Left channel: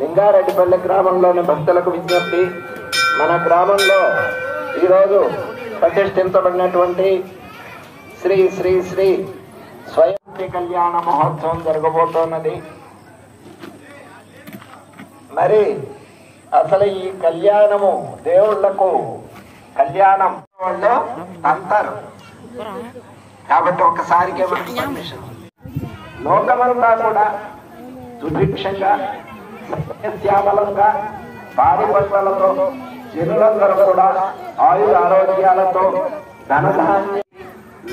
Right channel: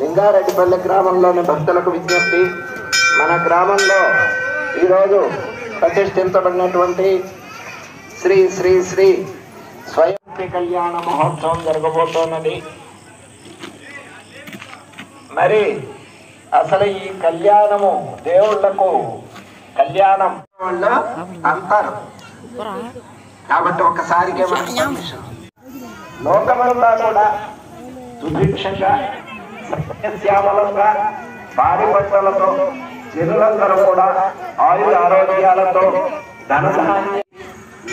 లింగారెడ్డిపల్లి గ్రామంలోని భక్తులకు విజ్ఞప్తి. మన గ్రామంలో ఈరోజు ప్రతిష్ఠించబడినటువంటి శ్రీ శ్రీ శ్రీ స్వయం కళ్యాణ మహోత్సవం జరగబోతోన్నది. మరి అసలు ఈ కళ్యాణము దేవుళ్లకు కళ్యాణం వాళ్ళు అంటారు కాబట్టి ఒకసారికే మనకు పర్మిషన్. లోకమంతా కూడా సుభిక్షంగా శ్యామలంగా భారీ పంటలతో జనులందరూ కూడా ఆయుర ఆరోగ్యాలతో ధనధాన్యం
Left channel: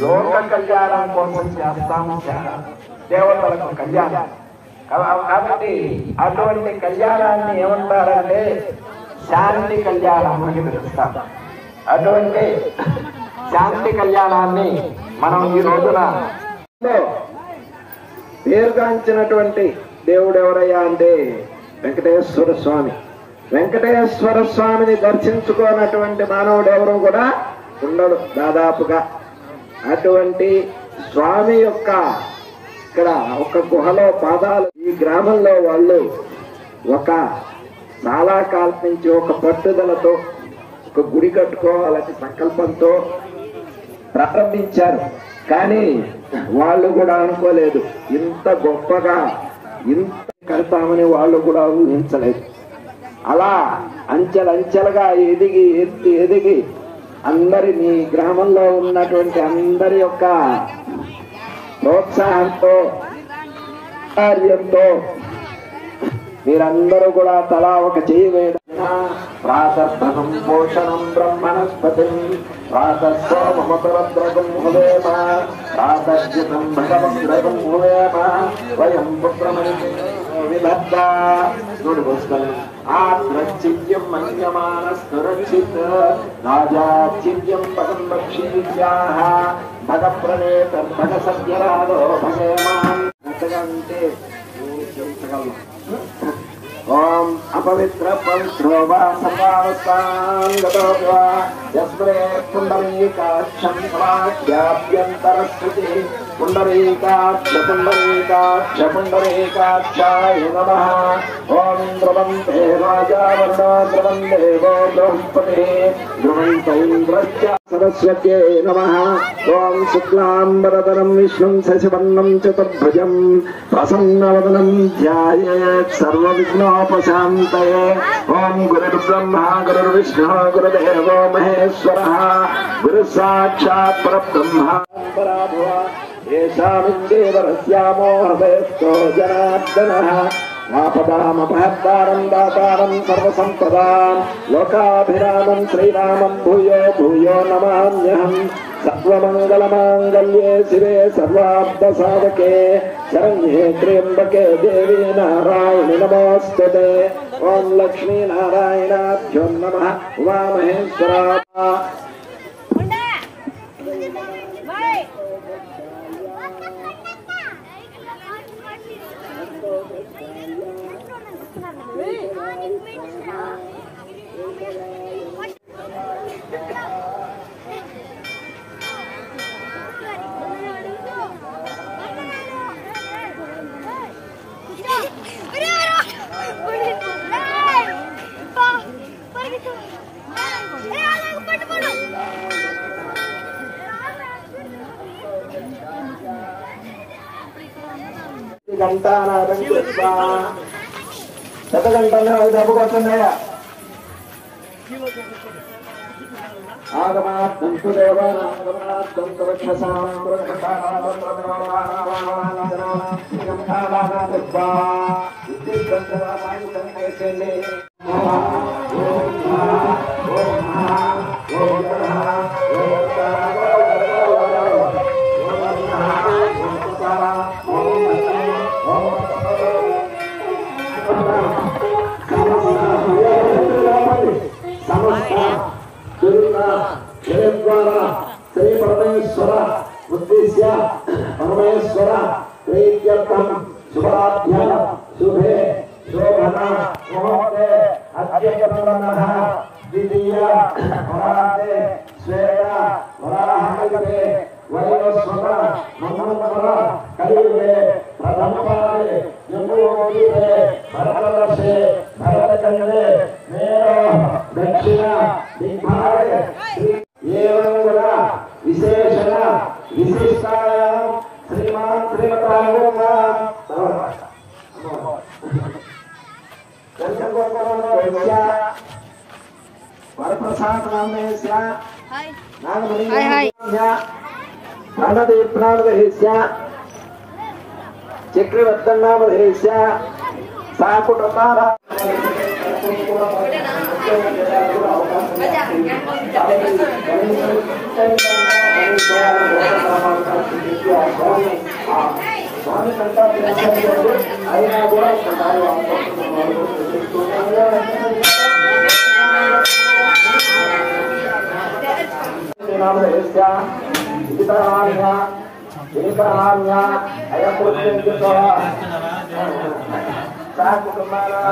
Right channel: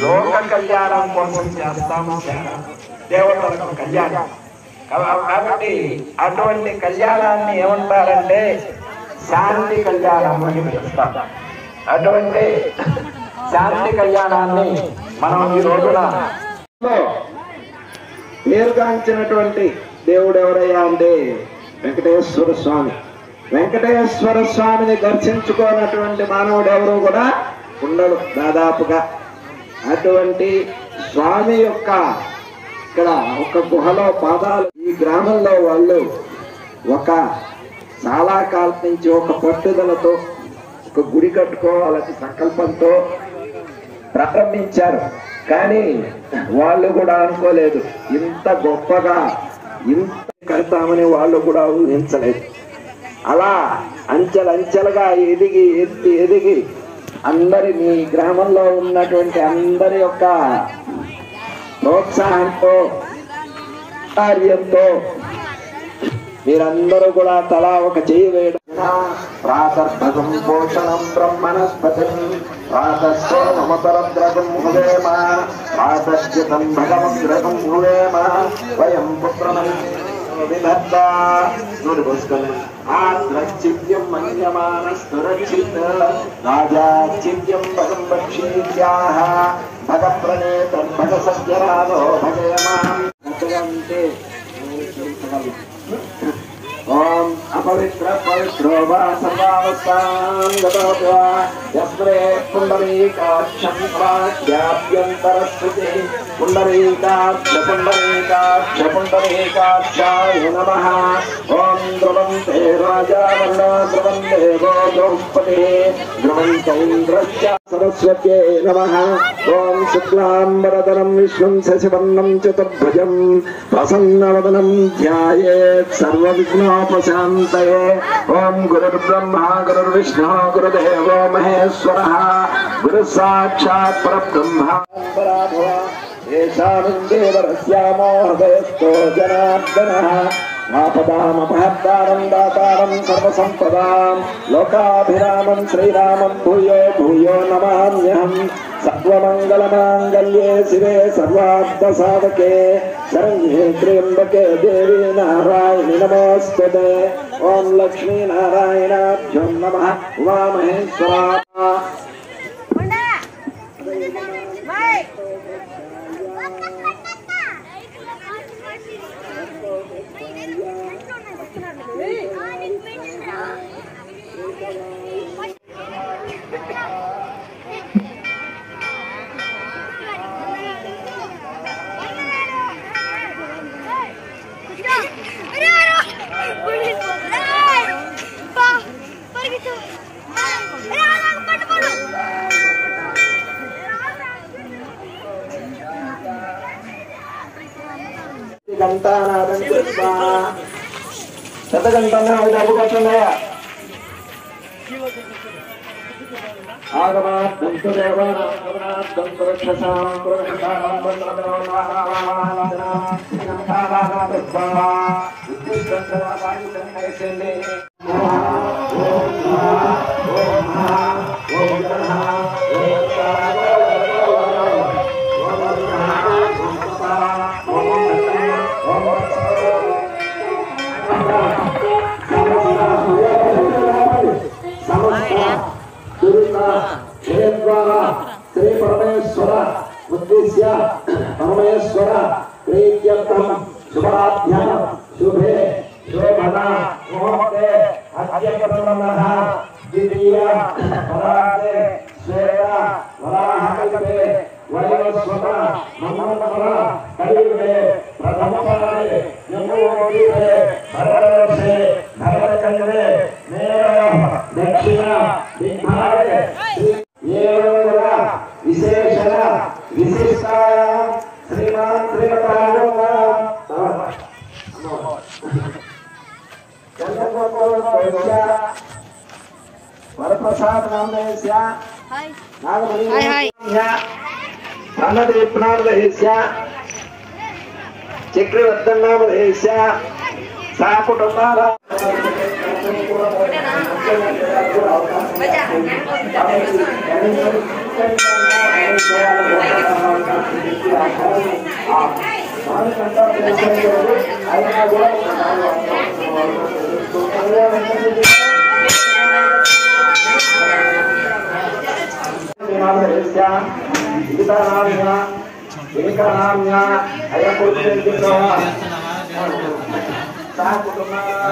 లోక కళ్యాణం కోసం చేస్తాము దేవతల కళ్యాణం. కాబట్టి అటువంటి కళ్యాణాన్ని ఏమంటారంటే శాంతి కళ్యాణం అని పిలుస్తారు. అటువంటి శాంతి కళ్యాణాన్ని మనం ఈ రోజున పేరుగాంచినటువంటి దేవుడు ఎవరయ్యా అంటే వెంకటేశ్వర స్వామి. వెంకటేశ్వర స్వామిని దర్శించుకోనటువంటి మానవుడు ఎవరు కూడా ఉండడు దాదాపుగా. అటువంటి స్వామి యొక్క ఇక్కడ ఒక గుహలో పాదాలు ఈ గ్రామంలో వాళ్ళు చాలా కాలం నుంచి ఒక పట్టుదలతో ఒక గుడి కట్టుకోవాలని సంకల్పంతో ప్రారంభించారు. కానీ వాళ్ళు కూడా అనుకోలేదు ఇంత గొప్పగా ఇంత కడతామని వాళ్ళు కూడా ఊహించలేదు. అలా అంచెలంచెలుగా ఎదిగి అందరి మీ గ్రామంలో ఉన్నటువంటి అందరి యొక్క ప్రోత్సాహంతో కార్యంతో మీరందరూ కూడా తలా ఒక చేయి వేయడం. ప్రాతర్భగం పోషణం బ్రహ్మణస్పతి ప్రాతస్సోమతరద్రగం ములేమ ప్రాతశ్చితం భగవద్రగం ములేమ వయం పుత్రమణి విలద్దా చూడుకోసుకొని ఆత్రచిత్యం మన్యమానస్తురక్షిత రాజాచిత్యం భగం భక్షీత్యాహ భగ ప్రణేతర్భగ సత్యరాదో భగయమాం అంటే ఓం అపవిత్ర పవిత్రో వా సర్వావస్థాన్ గతో వా యస్మే పుండరీకాక్షం ప్రాజ్ఞాభ్యంతరస్మృతి పుండరీకాక్ష పుండరీకాక్ష పుండరీకాక్షాయ నమః. ఓం ధ్రువం తే రాజా వరుణ ధ్రువం దేవో బృహస్పతి ధ్రువం చైంద్రస్య సరస్వత్యై నమః. ఓం శుక్లాంబరధరం విష్ణుం శశివర్ణం చతుర్భుజం ప్రసన్నవదనం ధ్యాయేత్ సర్వవిఘ్నోపశాంతయే. ఓం గురుర్బ్రహ్మా గురుర్విష్ణుః గురుదేవో మహేశ్వరః గురుః సాక్షాత్ పరబ్రహ్మ. ఏషామిందేవరస్యామో హృదయస్థో జనార్దనః ఆపదామపహర్తారం దాతారం సర్వసంపదాం లోకాభిరామం శ్రీరామం భూయో భూయో నమామ్యహం. సర్వమంగళమాంగళ్యే శివే సర్వార్థసాధకే శరణ్యే త్ర్యంబకే దేవీ నారాయణి నమోస్తుతే. ఓం లక్ష్మీనారాయణాభ్యో నమః. ఉమామహేశ్వరాయ గంటానాదం చేస్తా పెద్ద గంటలు డబ్బు వస్తున్నాయా ఆగమాత్మంతు దేవానాత్మంతు శ్రీ పరమేశ్వర ఉద్దేశ్య పరమేశ్వర ప్రీత్యర్థం శుభాధ్యన శుభే శోభన ముహూర్తే అద్య ద్వితీయ పరాదే శ్వేత मंगलवर कलियुगे प्रथमपादे जम्बूद्वीपे भरतवर्षे भरतखण्डे मेरा दक्षिण दिग्भागे एवं विशेषण विशिष्टायां श्रीमान श्रीमतागमा वरप्रसाद नामे स्या नागमणि हाय धनदेवनामधेस्या चक्रवर्तनामधेस्या सा कुटुंबारा नामधेस्या गीतानाम्या एकानाम्या अयपुरुषेभ्यः सा कुटुंबारा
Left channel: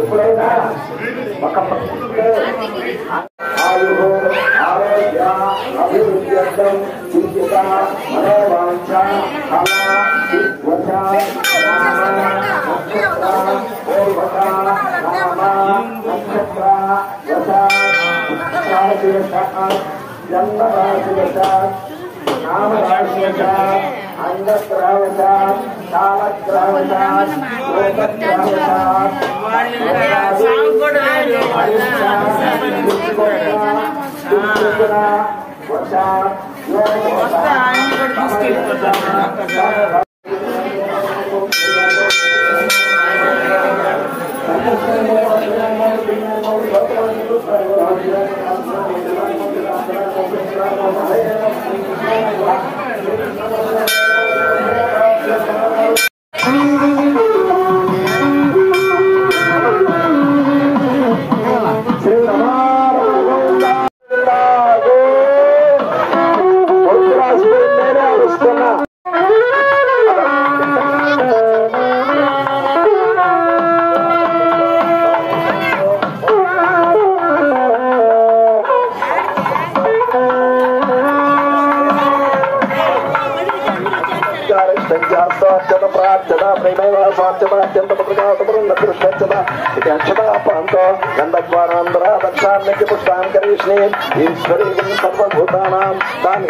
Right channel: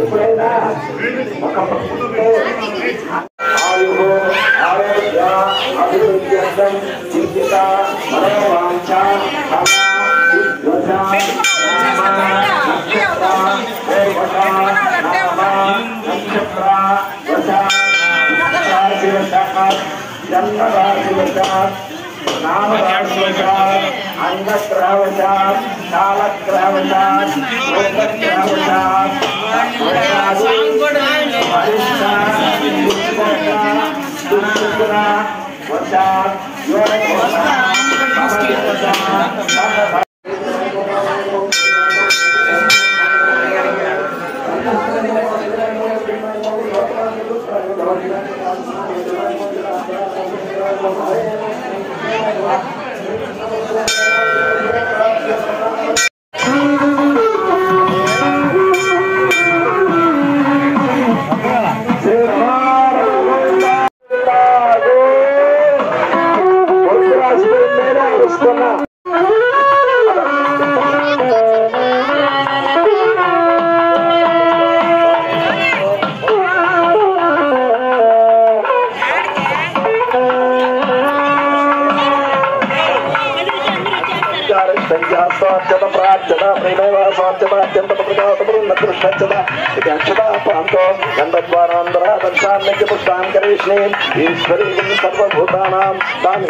ఎప్పుడైనా ఒక ప్రకృతిలో ఆయు ఆరోగ్య అభివృద్ధి అర్థం చికిత్స మనోవాంఛ नामराशिवशात् अंगग्रहवशात् कालग्रहवशात् लोकग्रहवशात् वशात् पुष्टान करेष्णे ईश्वरी सर्वभूतानां तान्